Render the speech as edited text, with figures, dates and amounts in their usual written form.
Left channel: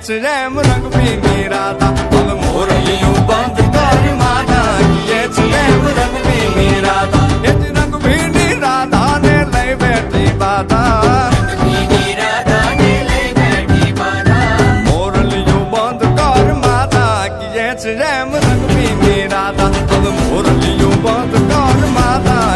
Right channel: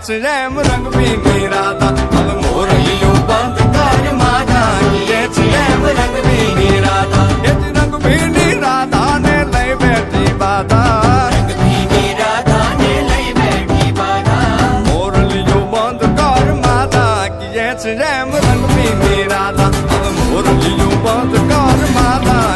છે એમ રંગ પીની રાધા હવે મોરલીયું બંધ કર માતા કીએ છે એમ રંગ પીની રાધા એ જ રંગ પીની રાધા ને લઈ બેઠી બાધા મોરલીયું બંધ કર માતા કીએ છે એમ રંગ પીની રાધા હવે મોરલીયું બંધ કર માતા